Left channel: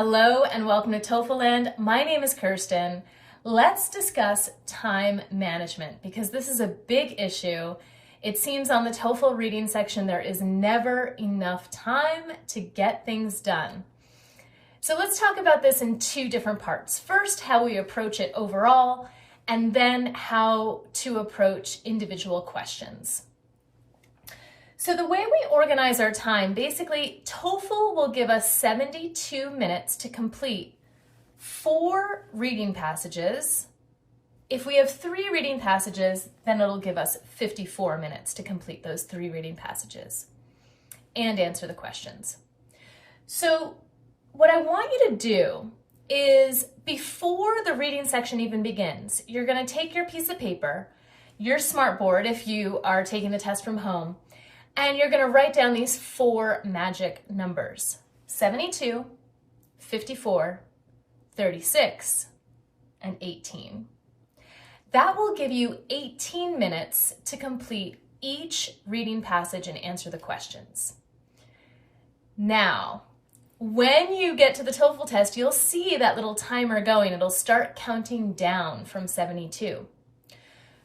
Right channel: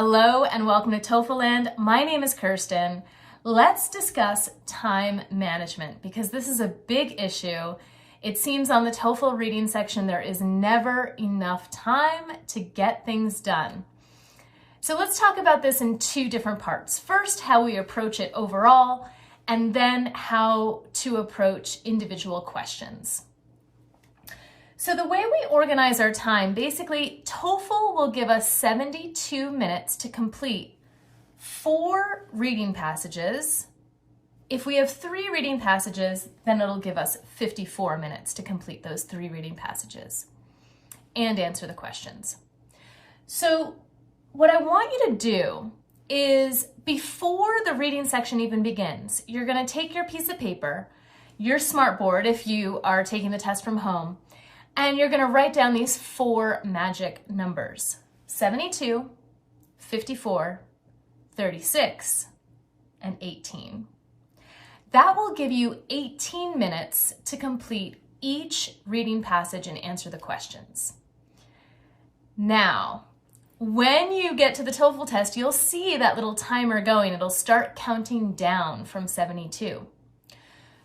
Hello and welcome to TOEFL Land. My name is Kirsten. Let's discuss time management because this is a big issue. It seems on the TOEFL reading section there is never enough time to get things done. So let's talk about this in two different parts. First, how we approach it overall, and then how to approach individual questions. So the way we organize our time, basically TOEFL will give us 72 minutes to complete 4 reading passages. If we have 3 reading passages, then it'll give us 54 minutes to complete those 3 reading passages and answer the questions. So what I want you to do is before the reading section even begins, you're going to take your piece of paper, your smartboard if you are taking the test from home, and you're going to write down these 4 magic numbers: 72, 54, 36, and 18. That will give you 18 minutes to complete each reading passage and answer the questions. Now, when you get to the TOEFL test, you'll see that little timer going. It'll start counting down from 72.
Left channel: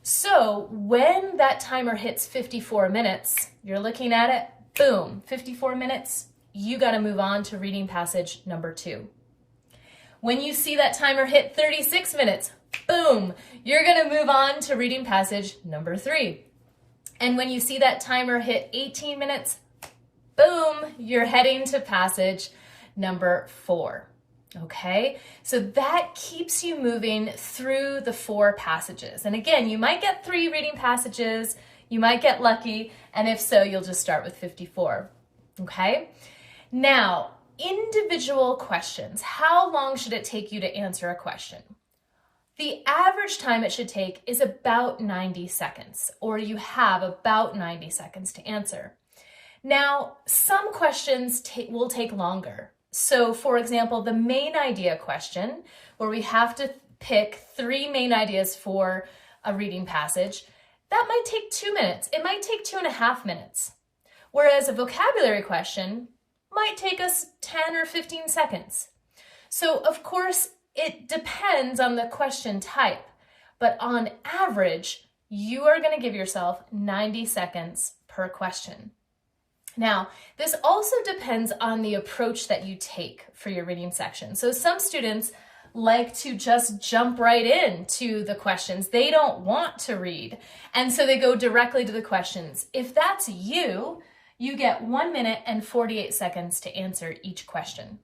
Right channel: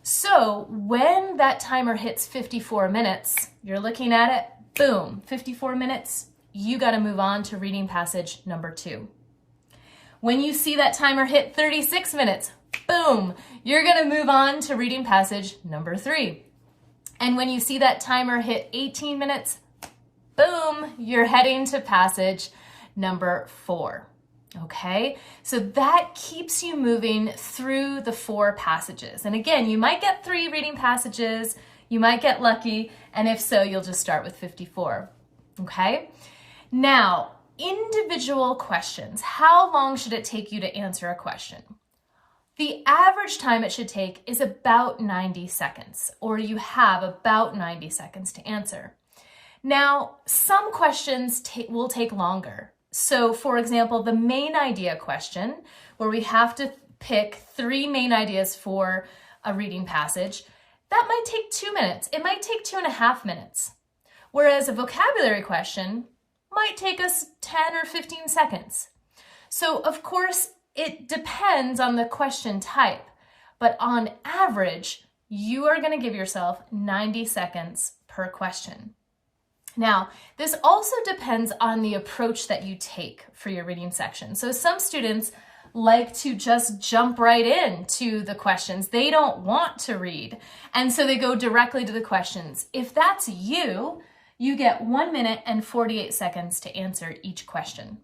So when that timer hits 54 minutes, you're looking at it, boom, 54 minutes, you got to move on to reading passage number 2. When you see that timer hit 36 minutes, boom, you're going to move on to reading passage number 3. And when you see that timer hit 18 minutes, boom, you're heading to passage number 4. Okay, so that keeps you moving through the 4 passages. And again, you might get 3 reading passages, you might get lucky, and if so, you'll just start with 54. Okay, now, individual questions. How long should it take you to answer a question? The average time it should take is about 90 seconds, or you have about 90 seconds to answer. Now, some questions will take longer. So for example, the main idea question, where we have to pick 3 main ideas for a reading passage, that might take 2 minutes. It might take 2.5 minutes. Whereas a vocabulary question might take us 10 or 15 seconds. So of course, it depends on the question type, but on average, you are going to give yourself 90 seconds per question. Now, this also depends on the approach that you take for your reading section. So some students like to just jump right into the questions. They don't want to read, and so they go directly to the questions. If that's you, you get 1 minute and 48 seconds to answer each question.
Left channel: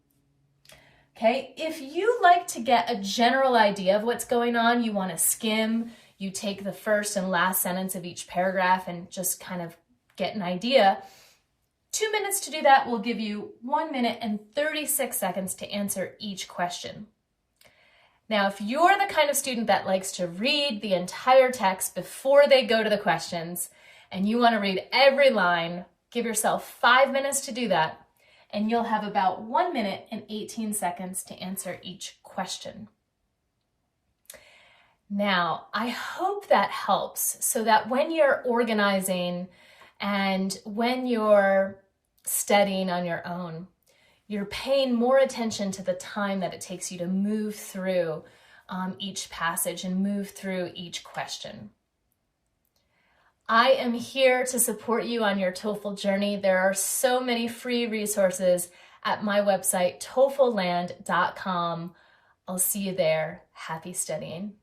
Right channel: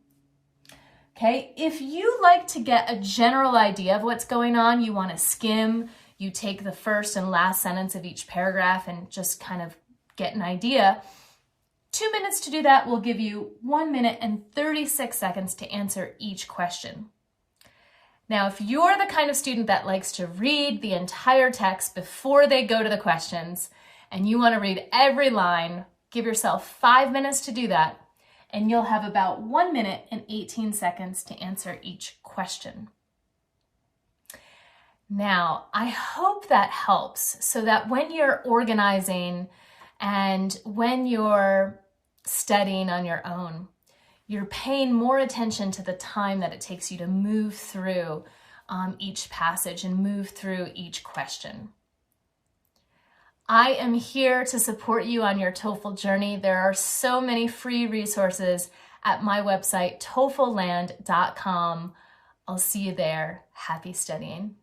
Okay, if you like to get a general idea of what's going on, you want to skim, you take the first and last sentence of each paragraph and just kind of get an idea. 2 minutes to do that will give you 1 minute and 36 seconds to answer each question. Now, if you're the kind of student that likes to read the entire text before they go to the questions, and you want to read every line, give yourself 5 minutes to do that, and you'll have about 1 minute and 18 seconds to answer each question. Now, I hope that helps so that when you're organizing and when you're studying on your own, you're paying more attention to the time that it takes you to move through each passage and move through each question. I am here to support you on your TOEFL journey. There are so many free resources at my website, TOEFLland.com. I'll see you there. Happy studying.